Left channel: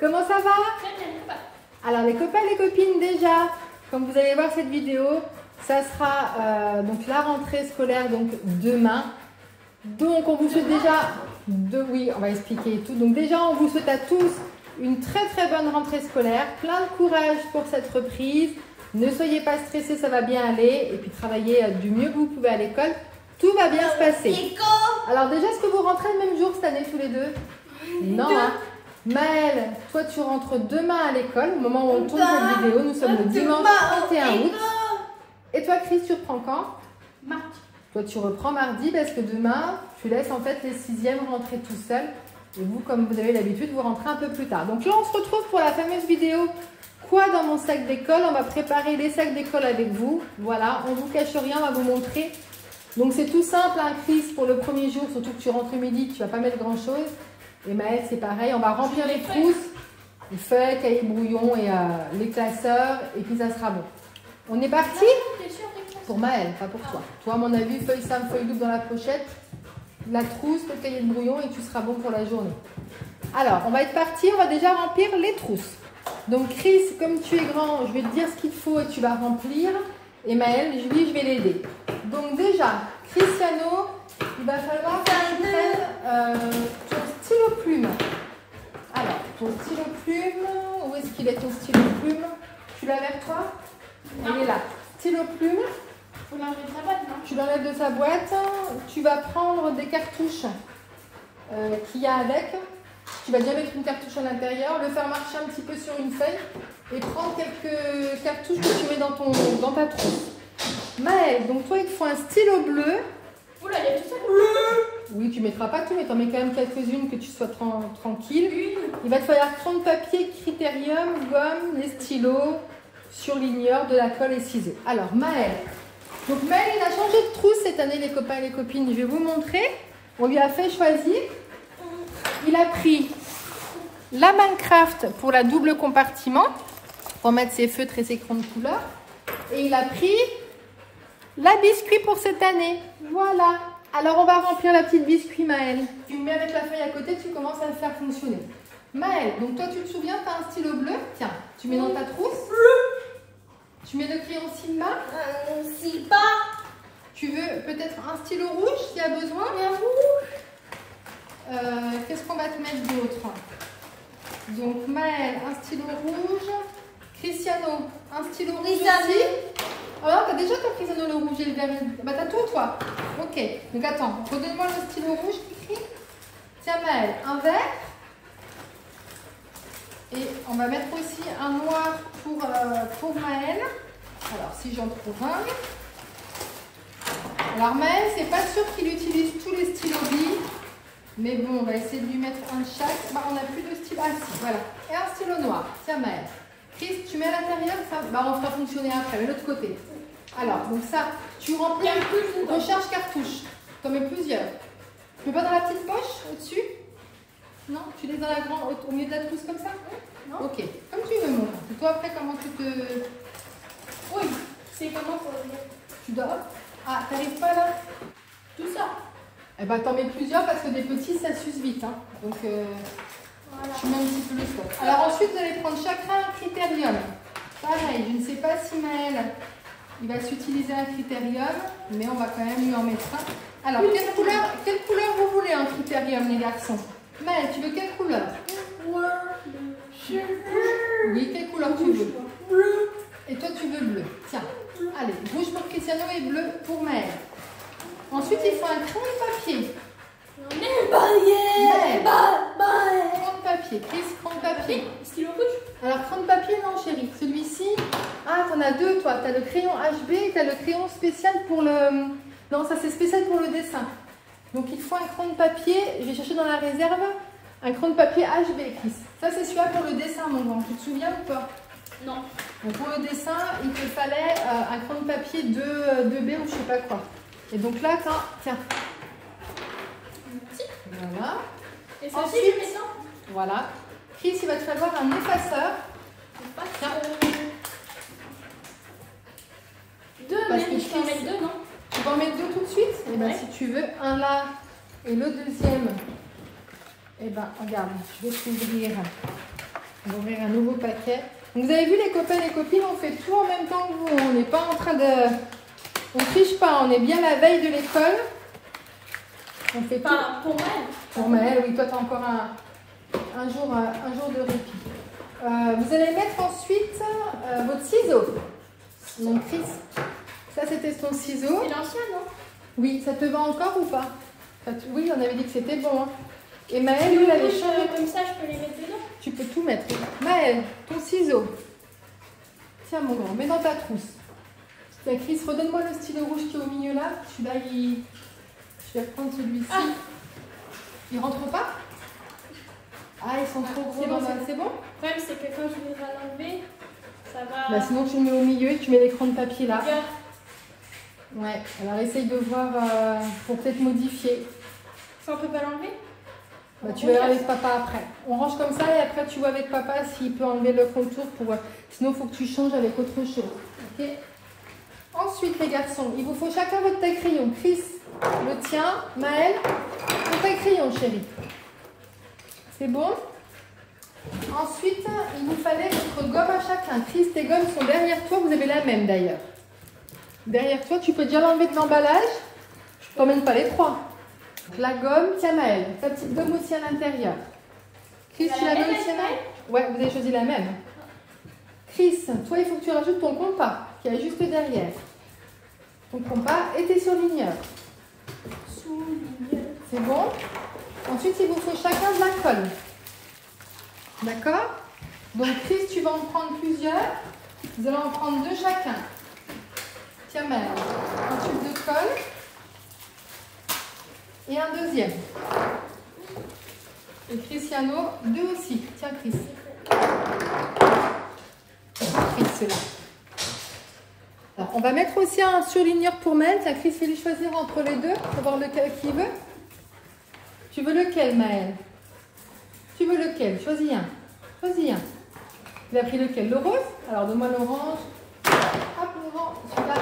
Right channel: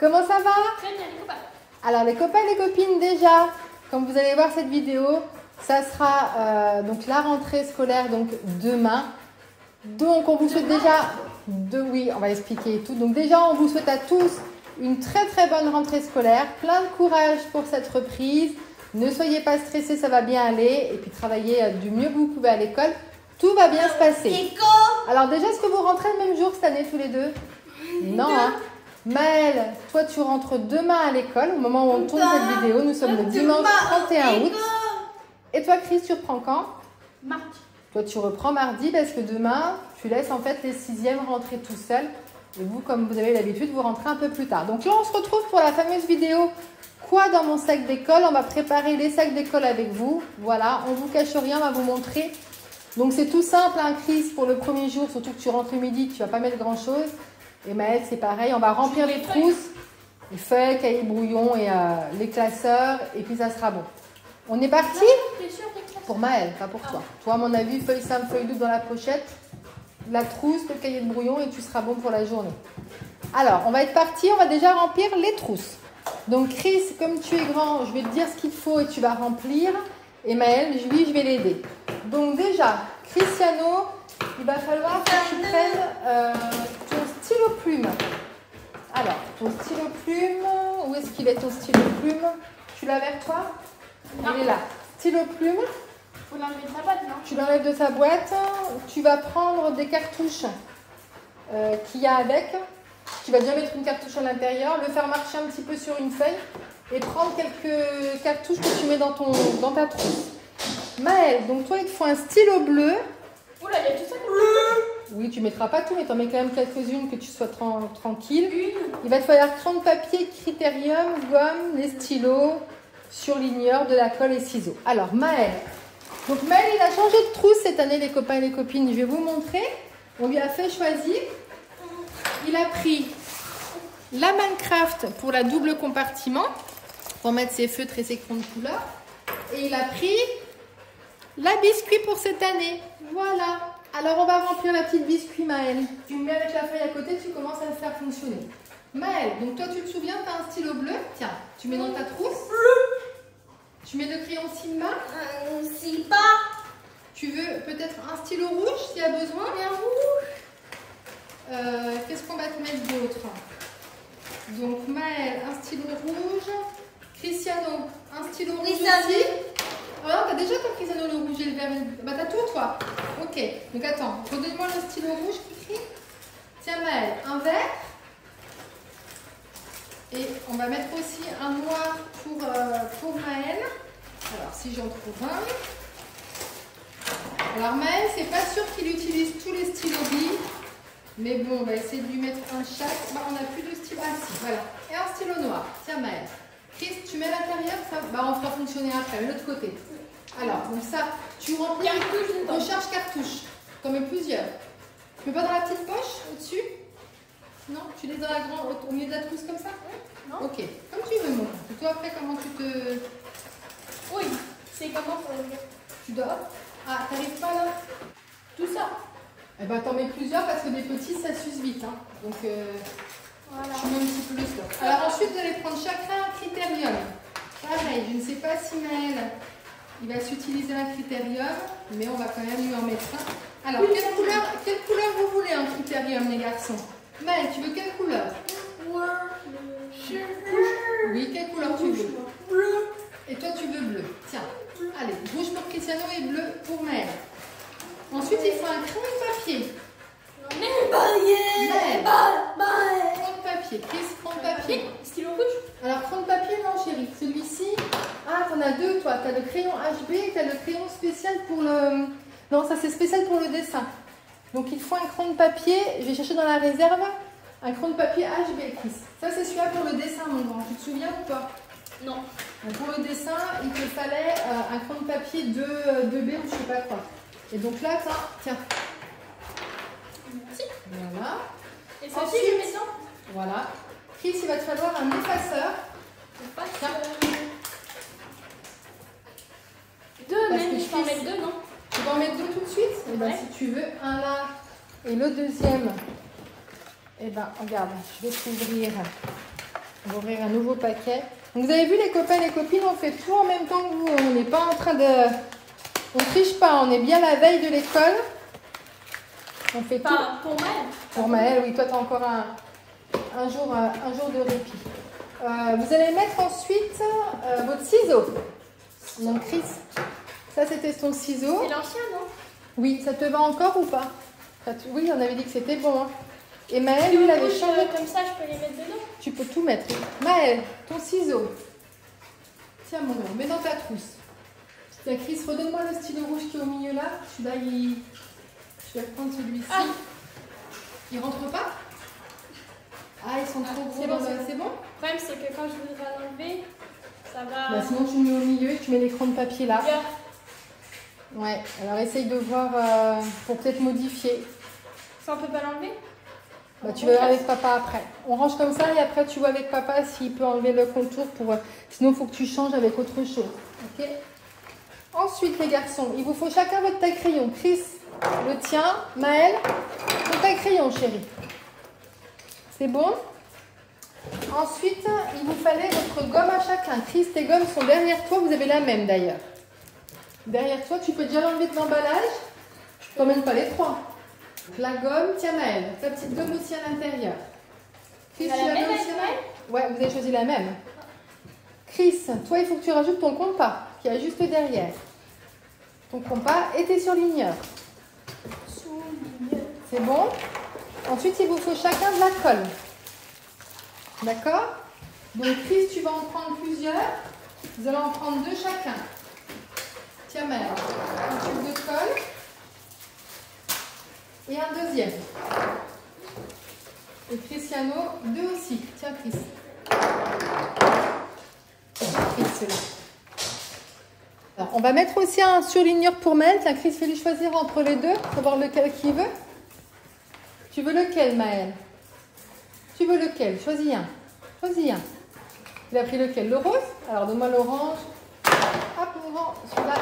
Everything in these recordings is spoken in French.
Comment ça va? Très bien, les copains. Alors les copains et les copines, déjà, comme vous allez voir cette vidéo, ça sera donc la rentrée scolaire donc demain. Donc on vous souhaite déjà, oui, on va expliquer tout. Donc déjà on vous souhaite à tous une très bonne rentrée scolaire, plein de courage pour cette reprise. Ne soyez pas stressés, ça va bien aller. Et puis travaillez du mieux que vous pouvez à l'école. Tout va bien se passer. Alors déjà, est-ce que vous rentrez le même jour cette année tous les deux? Non, hein? Maëlle, toi tu rentres demain à l'école, au moment où on tourne cette vidéo, nous sommes le dimanche 31 août. Et toi Chris, tu reprends quand? Mardi. Toi tu reprends mardi parce que demain, tu laisses en fait les 6e rentrer tout seuls. Et vous, comme vous avez l'habitude, vous rentrez un peu plus tard. Donc là, on se retrouve pour la fameuse vidéo quoi dans mon sac d'école. On va préparer les sacs d'école avec vous. Voilà, on ne vous cache rien, on va vous montrer. Donc c'est tout simple, hein, Chris, pour le premier jour, surtout que tu rentres midi, tu ne vas pas mettre grand chose. Et Maëlle, c'est pareil, on va remplir les trousses, les feuilles, cahiers brouillons et les classeurs, et puis ça sera bon. On est parti? Pour Maëlle, pas pour toi. Toi, à mon avis, feuille simple, feuille double dans la pochette, la trousse, le cahier de brouillon, et tu seras bon pour la journée. Alors, on va être parti, on va déjà remplir les trousses. Donc Chris, comme tu es grand, je vais te dire ce qu'il faut et tu vas remplir. Et Maëlle, lui, je vais l'aider. Donc déjà, Cristiano, il va falloir que tu prennes ton stylo plume. Alors, ton stylo plume, où est-ce qu'il est ton stylo plume? Tu l'as avec toi? Non. Il est là. Stylo plume. Faut l'enlever de sa boîte, non? Tu l'enlèves de sa boîte. Tu vas prendre des cartouches qu'il y a avec. Tu vas bien mettre une cartouche à l'intérieur, le faire marcher un petit peu sur une feuille et prendre quelques cartouches que tu mets dans ta trousse. Maëlle, donc toi, il te faut un stylo bleu. Oula, il y a tout ça bleu. Oui, tu ne mettras pas tout, mais tu en mets quand même quelques-unes que tu sois tranquille. Il va te falloir crayon de papier, critérium, gomme, les stylos, surligneur, de la colle et ciseaux. Alors, Maëlle. Donc, Maëlle, il a changé de trousse cette année, les copains et les copines. Je vais vous montrer. On lui a fait choisir. Il a pris la Minecraft pour la double compartiment, pour mettre ses feutres et ses crayons de couleur. Et il a pris la biscuit pour cette année. Voilà. Alors, on va remplir la petite biscuit, Maëlle. Tu me mets avec la feuille à côté, tu commences à le faire fonctionner. Maëlle, donc toi, tu te souviens, tu as un stylo bleu. Tiens, tu mets dans ta trousse. Tu mets le crayon Sigma. Silpa. Tu veux peut-être un stylo rouge s'il y a besoin. Qu'est-ce qu'on va te mettre d'autre? Donc Maëlle, un stylo rouge. Cristiano, un stylo rouge aussi. Oh non, t'as déjà ton Cristiano le rouge et le vert. Bah t'as tout toi. Ok, donc attends, redonne-moi le stylo rouge qui crie. Tiens Maëlle, un vert. Et on va mettre aussi un noir pour Maëlle. Alors si j'en trouve un. Alors Maëlle, c'est pas sûr qu'il utilise tous les stylos billes. Mais bon, on va essayer de lui mettre un chaque. Bah, on n'a plus de stylo. Ah si, voilà. Et un stylo noir. Tiens Maëlle. Chris, tu mets à l'intérieur, ça, bah, on fera fonctionner après, mais l'autre côté. Alors, donc ça, tu remplis recharge cartouche. Tu en mets plusieurs. Tu peux pas dans la petite poche au-dessus? Non? Tu les as au milieu de la trousse comme ça? Non. Ok, comme tu veux, mon. Et toi, après, comment tu te. Oui, c'est comment pour le mettre? Tu dors? Ah, t'arrives pas là? Tout ça. Eh ben, t'en mets plusieurs parce que des petits, ça s'use vite. Hein. Donc, Voilà. tu mets un petit peu le stock. Alors ensuite, vous allez prendre chacun un critérium. Pareil, je ne sais pas si Maëlle, il va s'utiliser un critérium, mais on va quand même lui en mettre un. Alors, quelle couleur vous voulez un critérium, les garçons? Maëlle, tu veux quelle couleur? Oui, quelle couleur tu veux? Bleu. Et toi, tu veux bleu. Tiens, allez, rouge pour Cristiano et bleu pour Maëlle. Ensuite, il faut un crayon de papier. Crayon de papier, Chris, crayon de papier. Stylo rouge. Alors, crayon de papier, non, chérie. Celui-ci, ah, t'en as deux, toi. T'as le crayon HB et t'as le crayon spécial pour le. Non, ça, c'est spécial pour le dessin. Donc, il faut un crayon de papier. Je vais chercher dans la réserve un crayon de papier HB, Chris. Ça, c'est celui-là pour le dessin, mon grand. Tu te souviens ou pas? Non. Donc, pour le dessin, il te fallait un crayon de papier 2B ou je sais pas quoi. Et donc là, tiens. Voilà. Et ça aussi, je mets ça. Voilà. Chris, il va te falloir un effaceur. Tiens. Deux, même, je peux en mettre deux, non? Tu vas en mettre deux tout de suite? Et bien, si tu veux, un là et le deuxième. Et ben, regarde, je vais t'ouvrir On va ouvrir un nouveau paquet. Donc vous avez vu les copains et les copines, on fait tout en même temps que vous. On n'est pas en train de... On ne triche pas, on est bien la veille de l'école. On fait tout. Pour Maëlle. Pour Maëlle, oui, toi tu as encore un jour de répit. Vous allez mettre ensuite votre ciseau. Donc Chris, ça c'était son ciseau. C'est l'ancien, non? Oui, ça te va encore ou pas? Oui, on avait dit que c'était bon. Hein. Et Maëlle, lui, il avait changé. Comme ça, je peux les mettre dedans. Tu peux tout mettre. Maëlle, ton ciseau. Tiens, mon grand, mets dans ta trousse. Tiens, Chris, redonne-moi le stylo rouge qui est au milieu là. Je vais reprendre celui-ci. Ah. Il rentre pas? Ah, ils sont trop gros. C'est bon, c'est bon? Le problème, c'est que quand je vais l'enlever, ça va. Bah, sinon, tu le mets au milieu et tu mets l'écran de papier là. Regarde. Ouais, alors essaye de voir pour peut-être modifier. Ça, on peut pas l'enlever? Bah, tu verras avec papa après. On range comme ça et après tu vois avec papa s'il peut enlever le contour pour. Sinon, il faut que tu changes avec autre chose. Ok. Ensuite, les garçons, il vous faut chacun votre taille-crayon. Chris, le tien. Maëlle, ton taille-crayon, chérie. C'est bon? Ensuite, il vous fallait votre gomme à chacun. Chris, tes gommes sont derrière toi. Vous avez la même d'ailleurs. Derrière toi, tu peux déjà l'enlever de l'emballage. Je ne t'emmène pas les trois. Donc, la gomme, tiens Maëlle, ta petite gomme aussi à l'intérieur. Chris, tu l'as même aussi à l'intérieur? Ouais, vous avez choisi la même. Chris, toi, il faut que tu rajoutes ton compas qui est juste derrière. Ton compas et tes surligneurs. C'est bon? Ensuite, il vous faut chacun de la colle. D'accord? Donc, Chris, tu vas en prendre plusieurs. Vous allez en prendre deux chacun. Tiens, Maëlle, un tube de colle. Et un deuxième. Et Cristiano, deux aussi. Tiens, Chris. Alors, on va mettre aussi un surligneur pour Maëlle. Tiens, Chris, il lui choisir entre les deux, savoir lequel qu'il veut. Tu veux lequel, Maëlle? Tu veux lequel? Choisis un. Choisis un. Il a pris lequel? Le rose? Alors, donne-moi l'orange. Hop, on vend celui-là.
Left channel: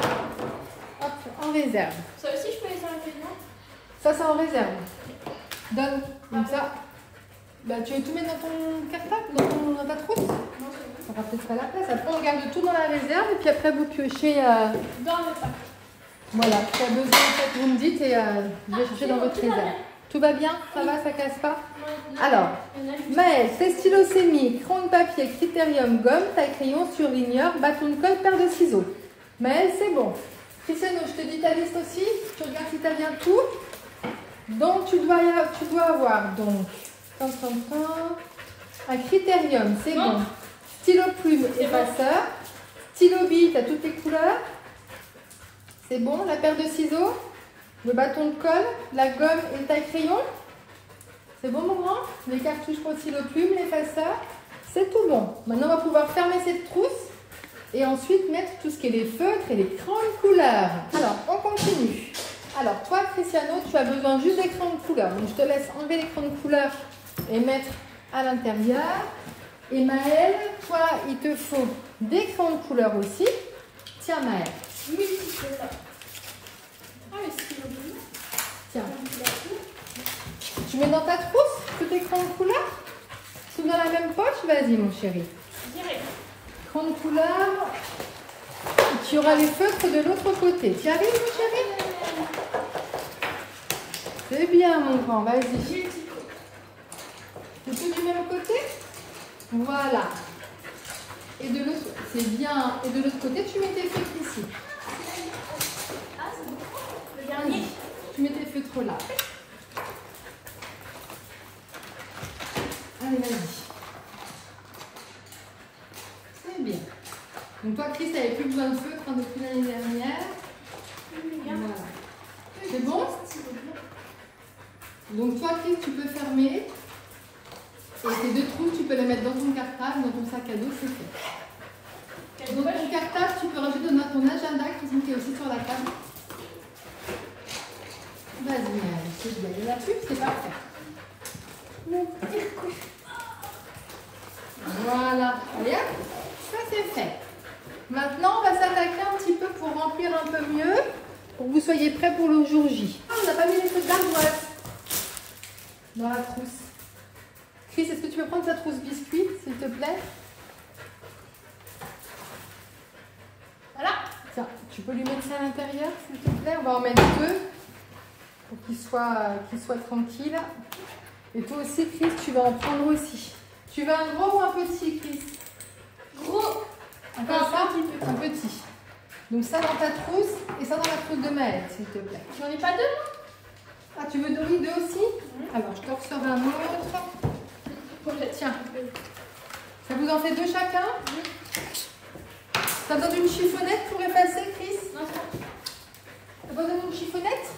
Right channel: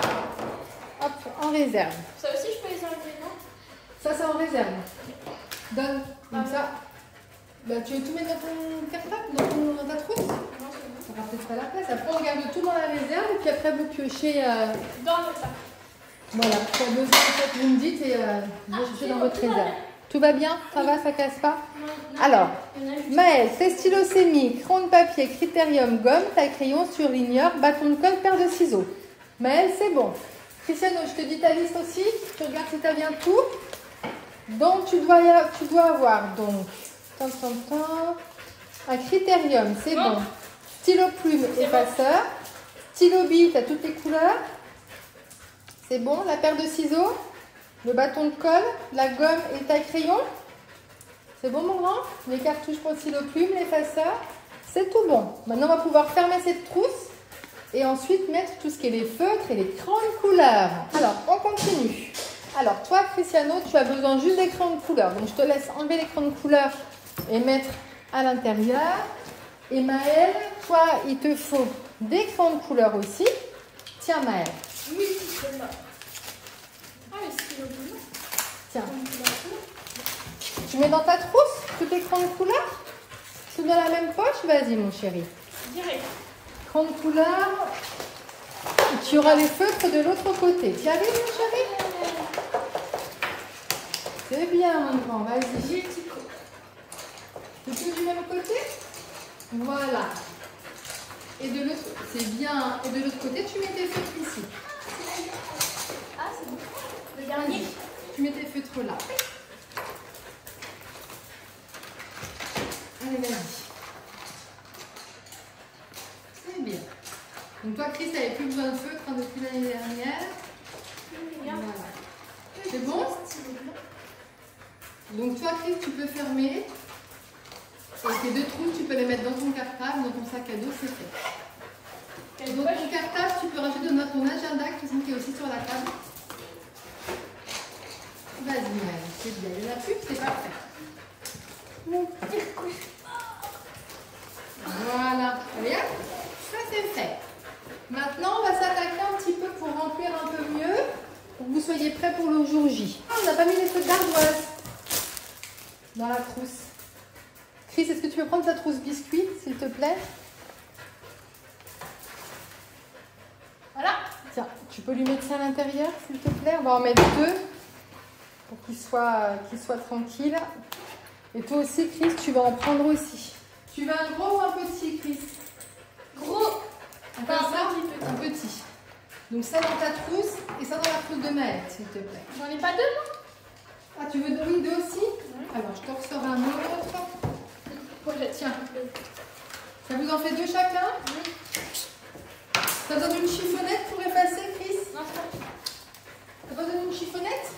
Hop, en réserve. Ça aussi, je peux les enlever, non? Ça, c'est en réserve. Donne. Comme ça. Bah, tu veux tout mettre dans ton cartable, dans ta trousse? Non, c'est bon. Ça va peut-être pas la place. Après, on garde tout dans la réserve et puis après, vous piochez. Dans le sac. Voilà. Si tu as besoin, vous me dites et vous allez chercher dans votre réserve. Tout va bien? Ça va? Ça casse pas? Alors, Maëlle, tes stylos sémi, crayon de papier, critérium, gomme, taille crayon, surligneur, bâton de colle, paire de ciseaux. Maëlle, c'est bon. Cristiano, je te dis ta liste aussi. Tu regardes si tu as bien tout. Donc, tu dois avoir donc un critérium, c'est bon. Stylo plume, effaceur. Stylo bille, tu as toutes les couleurs. C'est bon. La paire de ciseaux, le bâton de colle, la gomme et le taille-crayon. C'est bon, mon grand? Les cartouches pour le stylo plume, l'effaceur. C'est tout bon. Maintenant, on va pouvoir fermer cette trousse et ensuite mettre tout ce qui est les feutres et les crayons de couleur. Alors, on continue. Alors, toi, Cristiano, tu as besoin juste des crayons de couleur. Donc, je te laisse enlever les crayons de couleur et mettre à l'intérieur. Et Maëlle, toi, il te faut des crayons de couleur aussi. Tiens, Maëlle. Tiens. Tu mets dans ta trousse tous tes crayons de couleur? Tout dans la même poche? Vas-y, mon chéri. Direct. Crayons de couleur. Tu auras les feutres de l'autre côté. Tu arrives, mon chéri? C'est bien, mon grand. Vas-y. Tu mets l'autre côté? Voilà. Et de l'autre, c'est bien. Et de l'autre côté, tu mets tes feutres ici. Ah, c'est bon. Le dernier. Tu mets tes feutres là. Allez, vas-y. C'est bien. Donc toi, Chris, tu n'avais plus besoin de feutre depuis l'année dernière. Voilà. C'est bon? Donc toi, Chris, tu peux fermer. Et tes deux trous, tu peux les mettre dans ton cartable, dans ton sac à dos, c'est fait. Dans ton cartable, tu peux rajouter ton agenda qui est aussi sur la table. Vas-y, Maëlle, c'est bien. Il n'y en a plus, c'est parfait. Voilà. Allez, hop, ça c'est fait. Maintenant, on va s'attaquer un petit peu pour remplir un peu mieux, pour que vous soyez prêts pour le jour J. On n'a pas mis les feux d'ardoise dans la trousse. Chris, est-ce que tu tu peux prendre ta trousse biscuit, s'il te plaît? Voilà. Tiens, tu peux lui mettre ça à l'intérieur, s'il te plaît? On va en mettre deux pour qu'il soit tranquille. Et toi aussi, Chris, tu vas en prendre aussi. Tu veux un gros ou un petit, Chris? Gros. Encore ça? Un petit. Donc ça dans ta trousse et ça dans la trousse de Maëlle, s'il te plaît. J'en ai pas deux, moi. Ah, tu veux deux aussi? Oui. Alors, je te ressors un autre. Voilà, Tiens. Ça vous en fait deux chacun? Oui. Ça donne une chiffonnette pour effacer, Chris? Non, c'est bon. Ça pas donné une chiffonnette?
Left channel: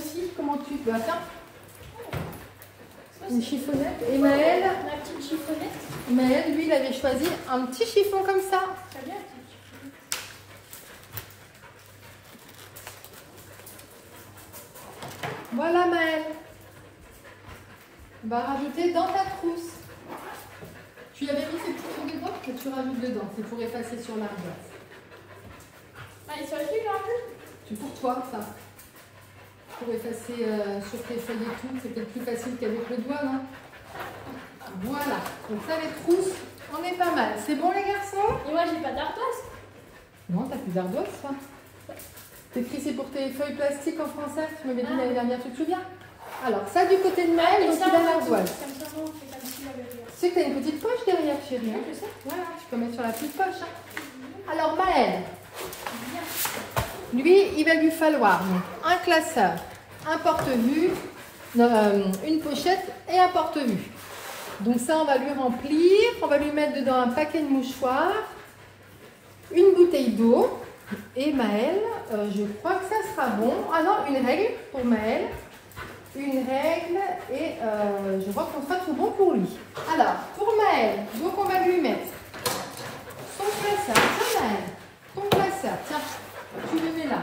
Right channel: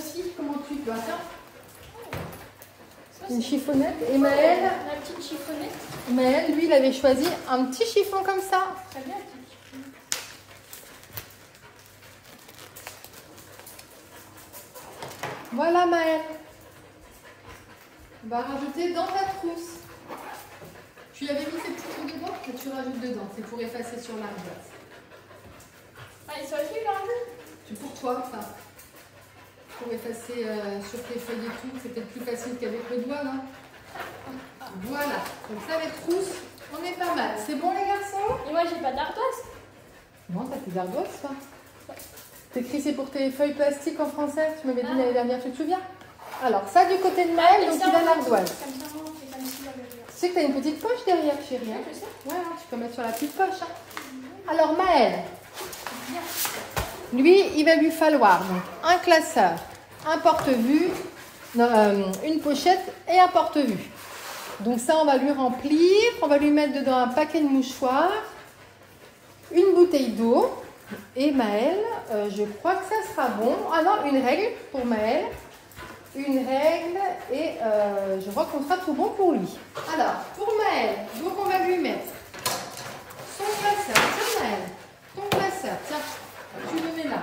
Si. Comment tu dois ça? Ça, Une c'est chiffonnette. Et Maëlle, ma petite chiffonnette. Maëlle, lui, il avait choisi un petit chiffon comme ça. Très bien. Voilà, Maëlle. On va rajouter dans ta trousse. Tu avais mis ces petits trucs dedans? Que tu rajoutes dedans. C'est pour effacer sur l'ardoise. Ah, ils sont plus là. C'est pour toi, ça. Pour effacer sur tes feuilles et tout. C'est peut-être plus facile qu'avec le doigt, non? Voilà. Donc ça, les trousses, on est pas mal. C'est bon, les garçons? Et moi, j'ai pas d'ardoise. Non, t'as plus d'ardoise, ça. T'écris, c'est pour tes feuilles plastiques en français. Tu m'avais dit l'année dernière, tu te souviens? Alors, ça, du côté de Maëlle, donc il a l'ardoise. Tu sais que t'as une petite poche derrière, chérie. Ouais, je sais. Ouais, tu peux mettre sur la petite poche. Alors, Maëlle, lui, il va lui falloir donc, un classeur, un porte-vue, une pochette et un porte-vue. Donc ça, on va lui remplir. On va lui mettre dedans un paquet de mouchoirs, une bouteille d'eau. Et Maëlle, je crois que ça sera bon. Ah non, une règle pour Maëlle. Une règle et je crois qu'on sera tout bon pour lui. Alors, pour Maëlle, donc on va lui mettre son classeur. Pour Maëlle, ton classeur, tiens, tu le mets là.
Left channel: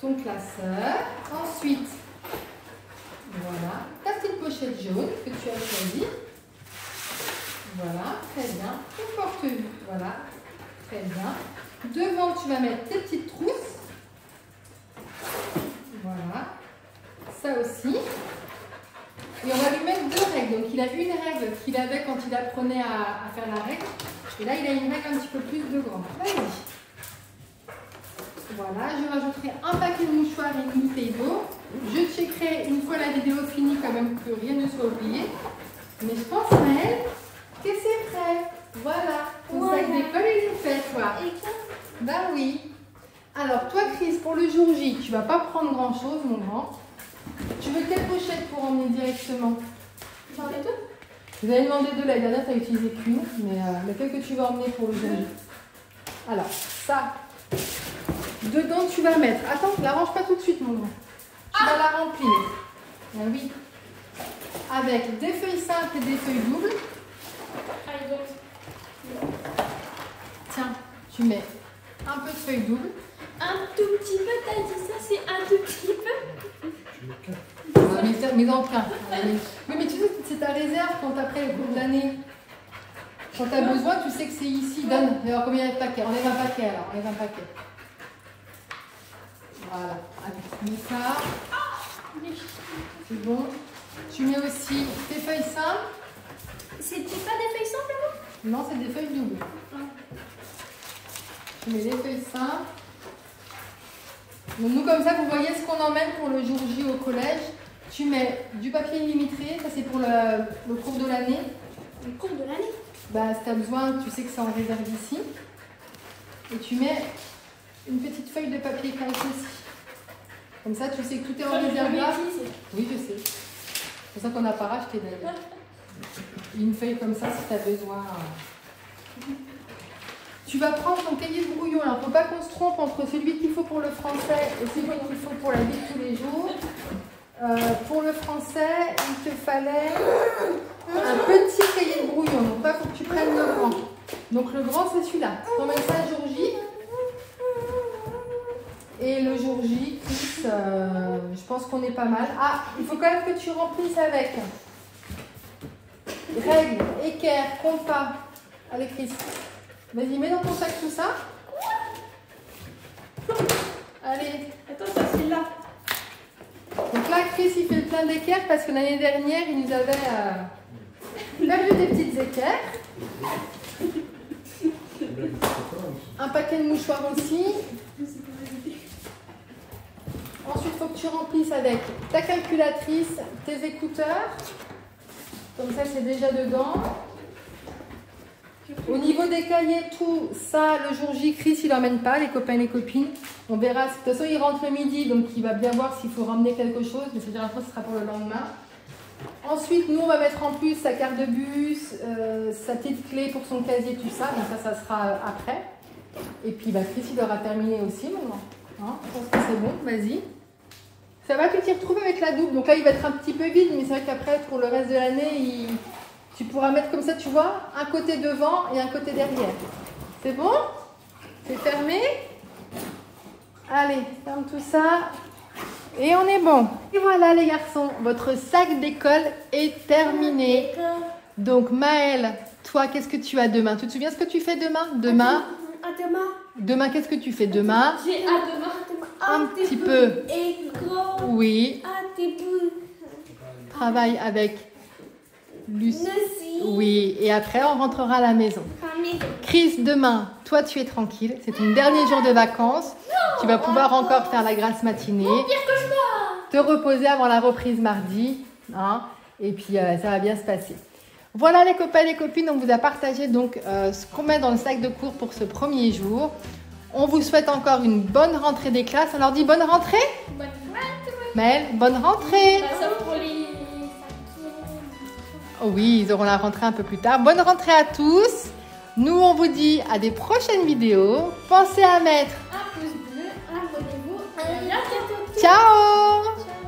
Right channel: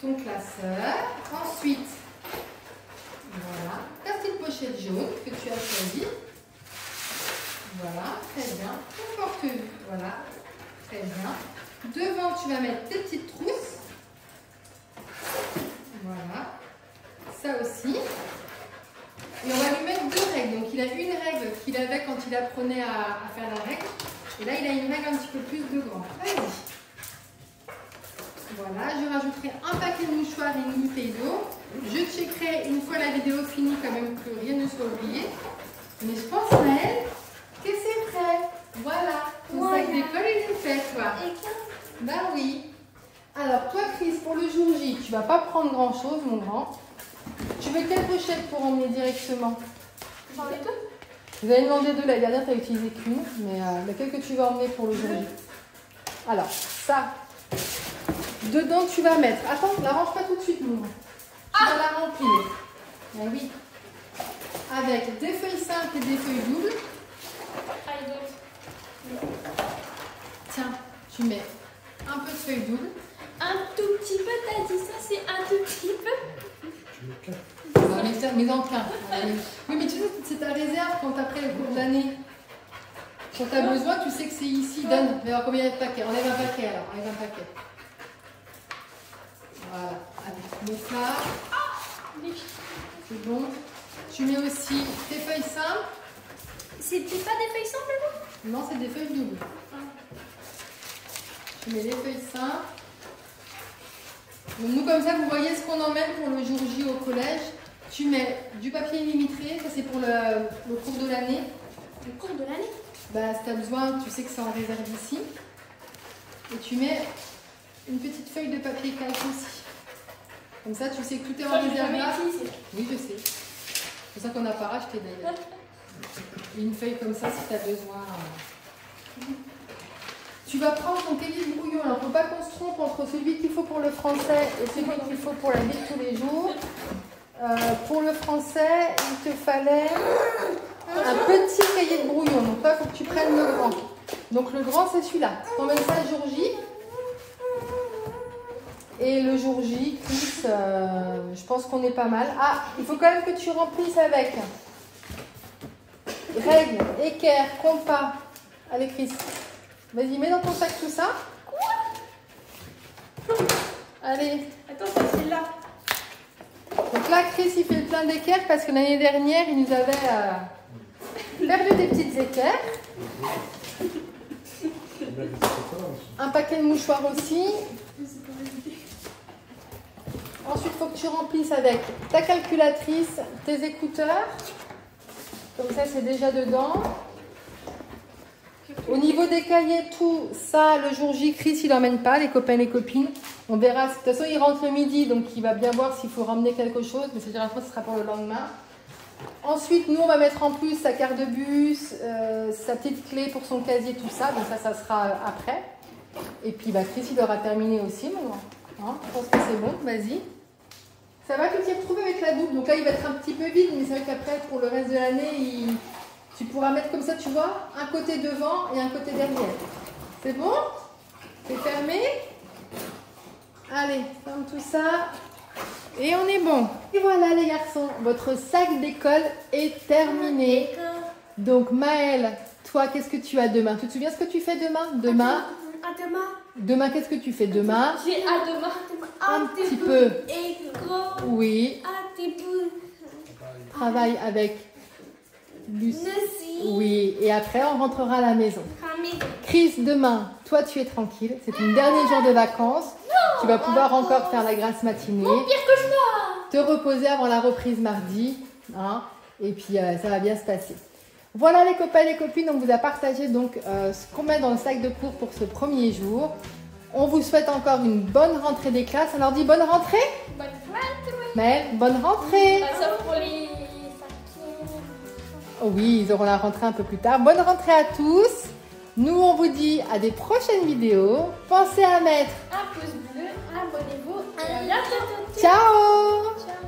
Ton classeur. Ensuite, voilà, ta petite pochette jaune que tu as choisie. Voilà, très bien. Ton porte-vue, voilà, très bien. Devant, tu vas mettre tes petites trousses. Voilà. Ça aussi. Et on va lui mettre deux règles. Donc, il a une règle qu'il avait quand il apprenait à faire la règle. Et là, il a une règle un petit peu plus de grande. Allez. Voilà. Je rajouterai un paquet de mouchoirs et une bouteille d'eau. Je checkerai une fois la vidéo finie quand même que rien ne soit oublié. Mais je pense, Maëlle, que c'est prêt. Voilà. Ton sac d'école, il est fait, toi. Bah oui. Alors, toi, Chris, pour le jour J, tu vas pas prendre grand-chose, mon grand. Tu veux quelle pochette pour emmener directement? J'en ai deux. Vous avez demandé deux, la dernière, tu n'as utilisé qu'une, mais laquelle que tu vas emmener pour le jour J? Alors, ça, dedans, tu vas mettre. Attends, ne la range pas tout de suite, mon grand. Tu vas la remplir. Ah oui. Avec des feuilles simples et des feuilles doubles. Tiens, tu mets un peu de feuilles doubles. Un tout petit peu, t'as dit ça, c'est un tout petit peu. Mais dans le cas. Oui, mais tu sais, c'est ta réserve quand après le cours de l'année. Quand tu as besoin, tu sais que c'est ici. Donne. Mais alors, combien il y a de paquets? On est 20 paquets alors. On est 20 paquets. Voilà. Allez, mets ça. C'est bon. Tu mets aussi tes feuilles simples. C'est pas des feuilles simples, non? Non, c'est des feuilles doubles. Tu mets les feuilles simples. Donc nous, comme ça, vous voyez ce qu'on emmène pour le jour J au collège. Tu mets du papier millimétré, ça c'est pour le cours de l'année. Le cours de l'année? Bah, si tu as besoin, tu sais que c'est en réserve ici. Et tu mets une petite feuille de papier calque aussi. Comme ça, tu sais que tout est en réserve là. Oui, je sais. C'est pour ça qu'on n'a pas racheté d'ailleurs. Une feuille comme ça si tu as besoin. Tu vas prendre ton cahier de brouillon. Il ne faut pas qu'on se trompe entre celui qu'il faut pour le français et celui qu'il faut pour la vie de tous les jours. Pour le français, il te fallait un petit cahier de brouillon. Donc là, il faut que tu prennes le grand. Donc le grand, c'est celui-là. On met ça jour J. Et le jour J, je pense qu'on est pas mal. Ah, il faut quand même que tu remplisses avec règles, équerre, compas. Allez, Chris. Vas-y, mets dans ton sac tout ça. Allez. Attends, ça c'est là. Donc là, Chris, il fait le plein d'équerre parce que l'année dernière, il nous avait un paquet de mouchoirs aussi. Ensuite, il faut que tu remplisses avec ta calculatrice, tes écouteurs. Comme ça, c'est déjà dedans. Au niveau des cahiers, tout ça, le jour J, Chris, il n'emmène pas, les copains et les copines. On verra. De toute façon, il rentre le midi, donc il va bien voir s'il faut ramener quelque chose. Mais c'est-à-dire, ce sera pour le lendemain. Ensuite, nous, on va mettre en plus sa carte de bus, sa petite clé pour son casier, tout ça. Donc ça sera après. Et puis, bah, Chris, il aura terminé aussi maintenant. Hein, je pense que c'est bon, vas-y. Ça va, tu t'y retrouves avec la double. Donc là, il va être un petit peu vide, mais c'est vrai qu'après, pour le reste de l'année, tu pourras mettre comme ça, tu vois, un côté devant et un côté derrière. C'est bon? C'est fermé? Allez, ferme tout ça. Et on est bon. Et voilà les garçons, votre sac d'école est terminé. Donc Maëlle, toi, qu'est-ce que tu as demain? Tu te souviens ce que tu fais demain? Demain, qu'est-ce que tu fais demain? J'ai à demain un petit peu. École. Oui. Un petit peu. Travail avec Lucie. Oui. Et après, on rentrera à la maison. Chris, demain, toi, tu es tranquille. C'est ton dernier jour de vacances. Tu vas pouvoir encore faire la grasse matinée. Mon pire cauchemar. Te reposer avant la reprise mardi. Hein, et puis, ça va bien se passer. Voilà les copains et les copines, on vous a partagé donc ce qu'on met dans le sac de cours pour ce premier jour. On vous souhaite encore une bonne rentrée des classes. On leur dit bonne rentrée? Bonne rentrée. Mais bonne rentrée. Sauf pour les Oui, ils auront la rentrée un peu plus tard. Bonne rentrée à tous. Nous, on vous dit à des prochaines vidéos. Pensez à mettre un pouce bleu, abonnez-vous. À la bientôt. ciao. Ciao.